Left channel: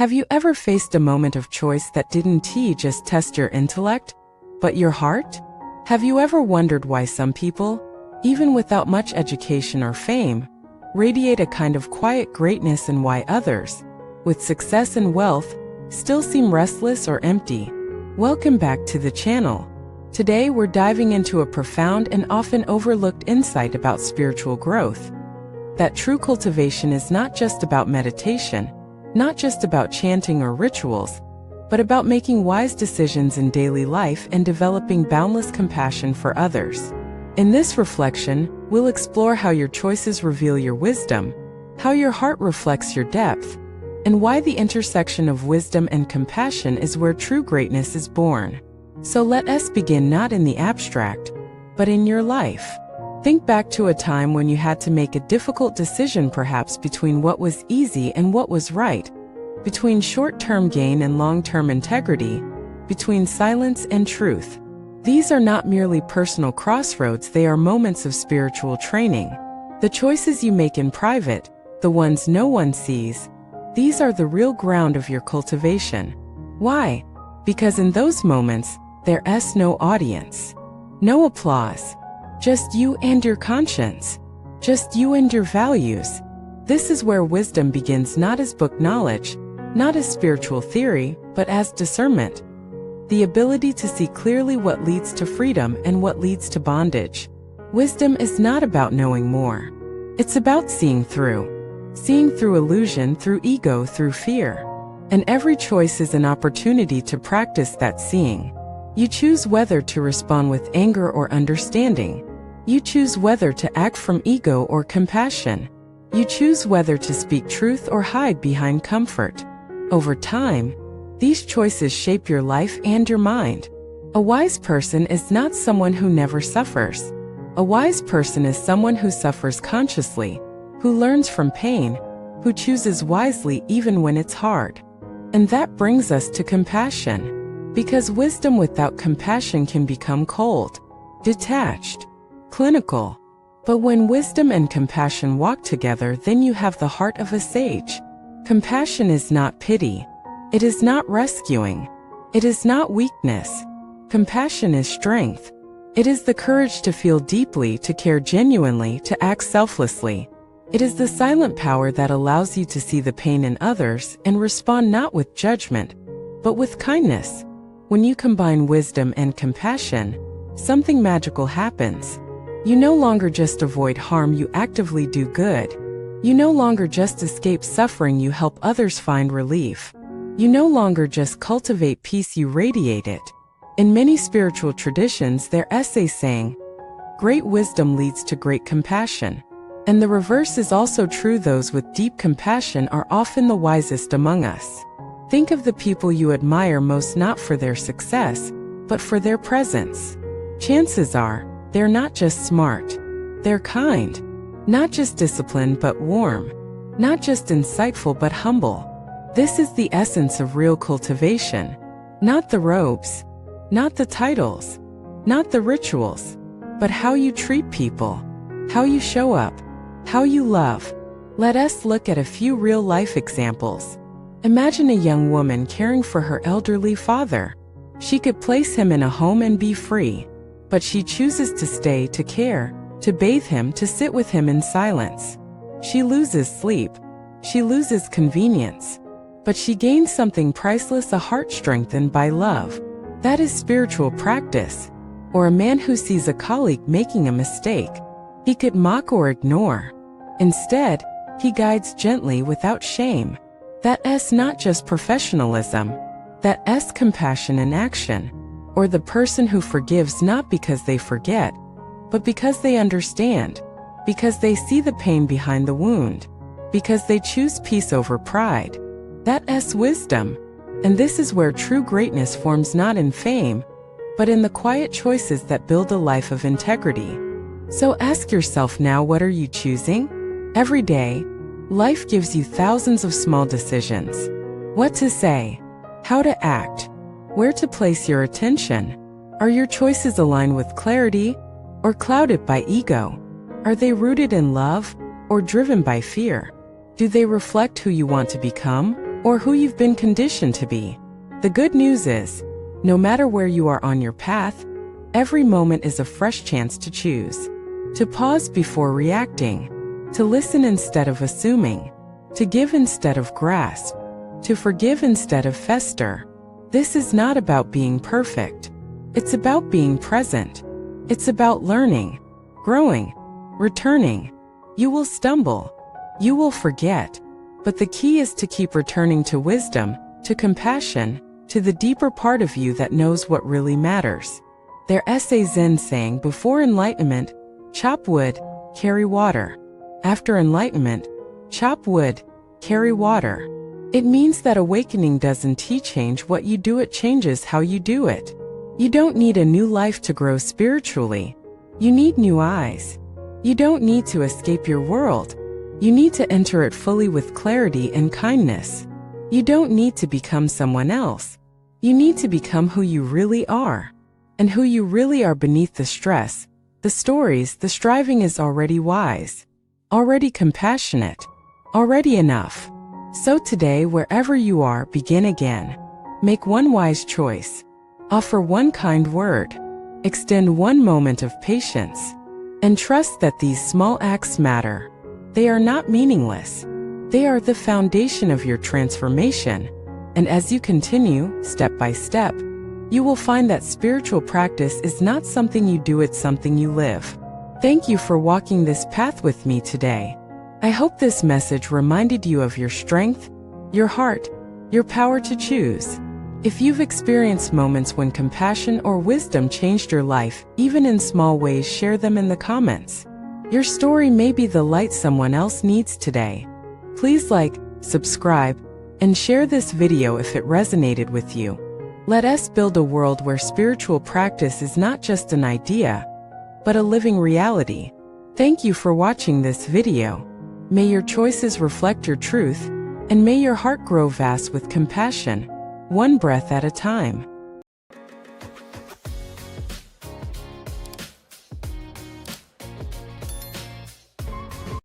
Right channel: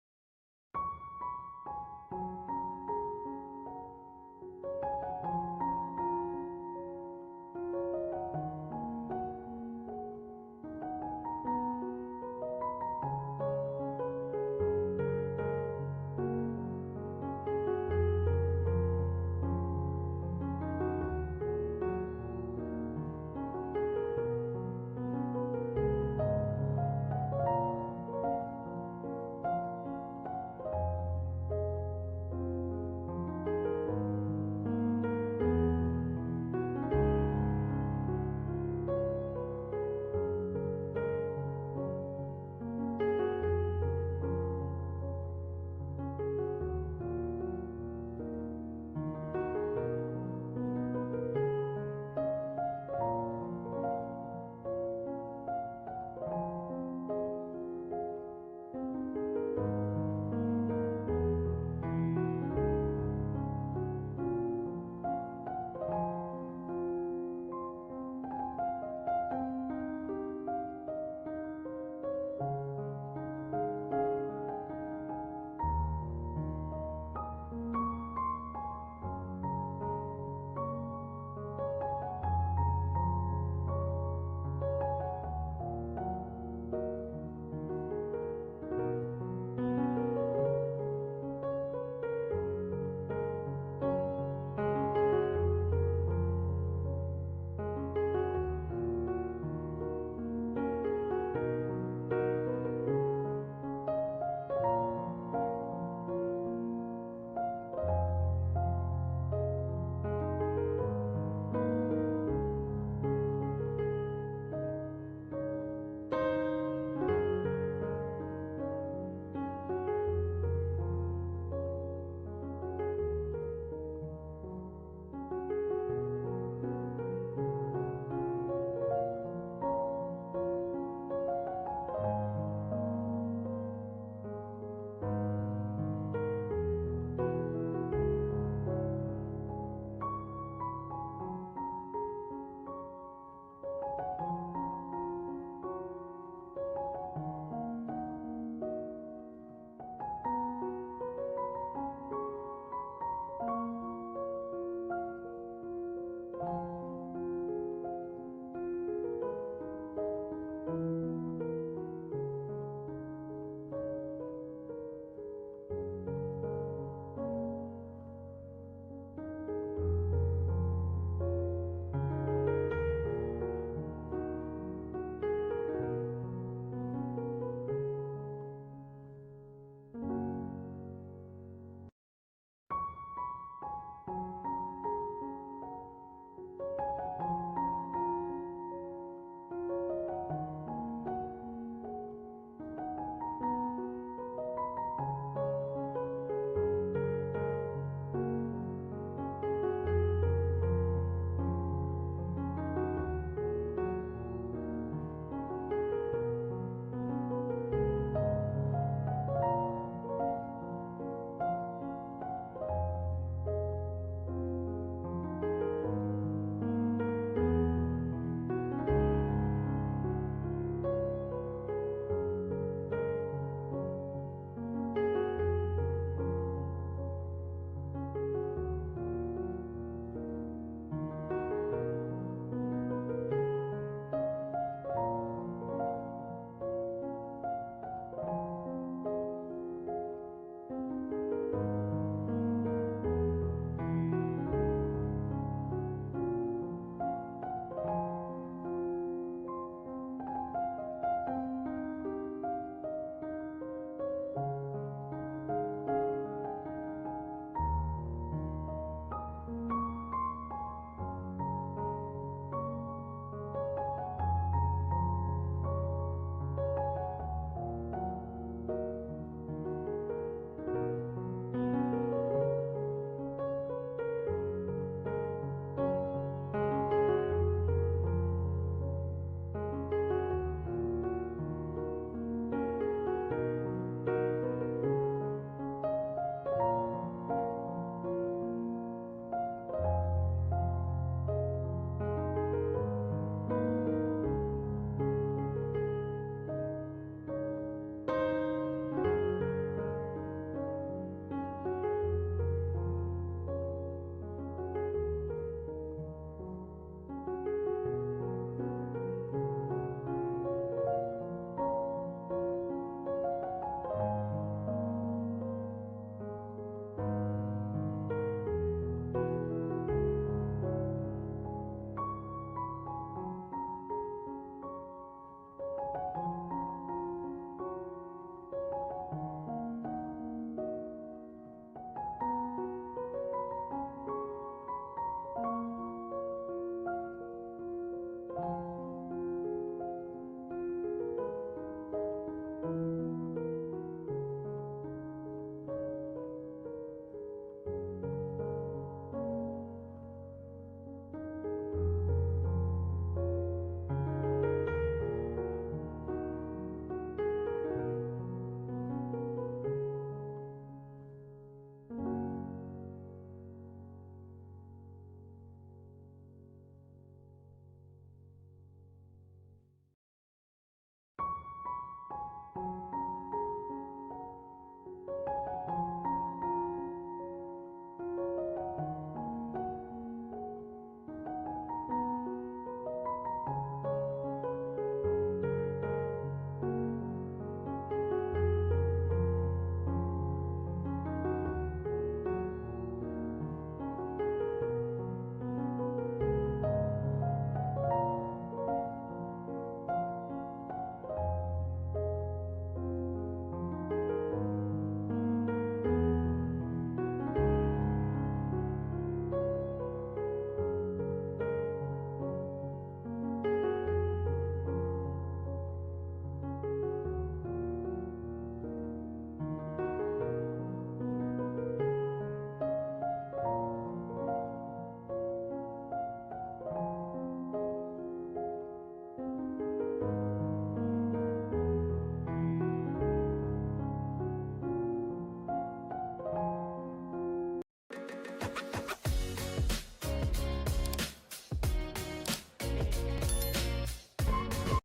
Have you ever faced a moment of choice that didn't just test your intellect, but your heart? Have you ever wondered why some people, even without much education or fame, radiate a kind of quiet greatness and why others, with success and wealth, still seem restless or empty? Welcome back to the channel. Today we're diving into a profound and often overlooked insight about spiritual growth. That true cultivation is not just about meditation, not just about chanting or rituals, but about making wise decisions in daily life and developing boundless compassion for others. In this reflection, we'll explore how your choices reveal your wisdom, how your heart reflects your depth, and why the intersection of wisdom and compassion is where true greatness is born. So let us begin not in the abstract, but in your life. Think back to a time when you had to make a difficult decision, perhaps between what was easy and what was right, between short-term gain and long-term integrity, between silence and truth. These are not merely personal crossroads, they are moments of spiritual training. The choices you make in private, the ones no one sees, these are the real ground of your cultivation. Why? Because in those moments, there's no audience, no applause, just you and your conscience, just you and your values. This is where wisdom begins, not as book knowledge, not as spiritual theory, but as discernment. The ability to see clearly what leads to freedom and what leads to bondage. Wisdom is not about knowing more. It's about seeing through illusion, through ego, through fear. And every choice is an opportunity to practice that seeing. You choose whether to respond with anger or understanding. You choose whether to act from ego or compassion. You choose whether to speak truth or hide behind comfort. Over time, these choices shape your life and your mind. A wise person is not someone who never suffers. A wise person is someone who suffers consciously, who learns from pain, who chooses wisely even when it's hard. And that brings us to compassion. Because wisdom without compassion can become cold, detached, clinical. But when wisdom and compassion walk together, then you have the heart of a sage. Compassion is not pity. It is not rescuing. It is not weakness. Compassion is strength. It is the courage to feel deeply, to care genuinely, to act selflessly. It is the silent power that allows you to see the pain in others and respond not with judgment, but with kindness. When you combine wisdom and compassion, something magical happens. You no longer just avoid harm, you actively do good. You no longer just escape suffering, you help others find relief. You no longer just cultivate peace, you radiate it. In many spiritual traditions, there are essays saying, "Great wisdom leads to great compassion." And the reverse is also true. Those with deep compassion are often the wisest among us. Think of the people you admire most, not for their success, but for their presence. Chances are, they're not just smart. They're kind. Not just disciplined but warm. Not just insightful but humble. This is the essence of real cultivation. Not the robes, not the titles, not the rituals, but how you treat people, how you show up, how you love. Let us look at a few real-life examples. Imagine a young woman caring for her elderly father. She could place him in a home and be free, but she chooses to stay, to care, to bathe him, to sit with him in silence. She loses sleep. She loses convenience. But she gains something priceless, a heart strengthened by love. That is spiritual practice. Or a man who sees a colleague making a mistake. He could mock or ignore. Instead, he guides gently without shame. That's not just professionalism. That's compassion in action. Or the person who forgives not because they forget, but because they understand, because they see the pain behind the wound, because they choose peace over pride. That's wisdom. And this is where true greatness forms, not in fame, but in the quiet choices that build a life of integrity. So ask yourself now, what are you choosing? Every day, life gives you thousands of small decisions. What to say, how to act, where to place your attention. Are your choices aligned with clarity or clouded by ego? Are they rooted in love or driven by fear? Do they reflect who you want to become or who you've been conditioned to be. The good news is, no matter where you are on your path, every moment is a fresh chance to choose. To pause before reacting, to listen instead of assuming, to give instead of grasp, to forgive instead of fester. This is not about being perfect. It's about being present. It's about learning, growing, returning. You will stumble. You will forget. But the key is to keep returning to wisdom, to compassion, to the deeper part of you that knows what really matters. Their essay Zen saying, before enlightenment, chop wood, carry water. After enlightenment, chop wood, carry water. It means that awakening doesn't change what you do, it changes how you do it. You don't need a new life to grow spiritually. You need new eyes. You don't need to escape your world. You need to enter it fully with clarity and kindness. You don't need to become someone else. You need to become who you really are. And who you really are beneath the stress, the stories, the striving is already wise, already compassionate, already enough. So today, wherever you are, begin again. Make one wise choice. Offer one kind word. Extend one moment of patience. And trust that these small acts matter. They are not meaningless. They are the foundation of your transformation. And as you continue, step by step, you will find that spiritual practice is not something you do, it's something you live. Thank you for walking this path with me today. I hope this message reminded you of your strength, your heart, your power to choose. If you've experienced moments when compassion or wisdom changed your life, even in small ways, share them in the comments. Your story may be the light someone else needs today. Please like, subscribe, and share this video if it resonated with you. Let us build a world where spiritual practice is not just an idea, but a living reality. Thank you for watching this video. May your choices reflect your truth, and may your heart grow vast with compassion, one breath at a time.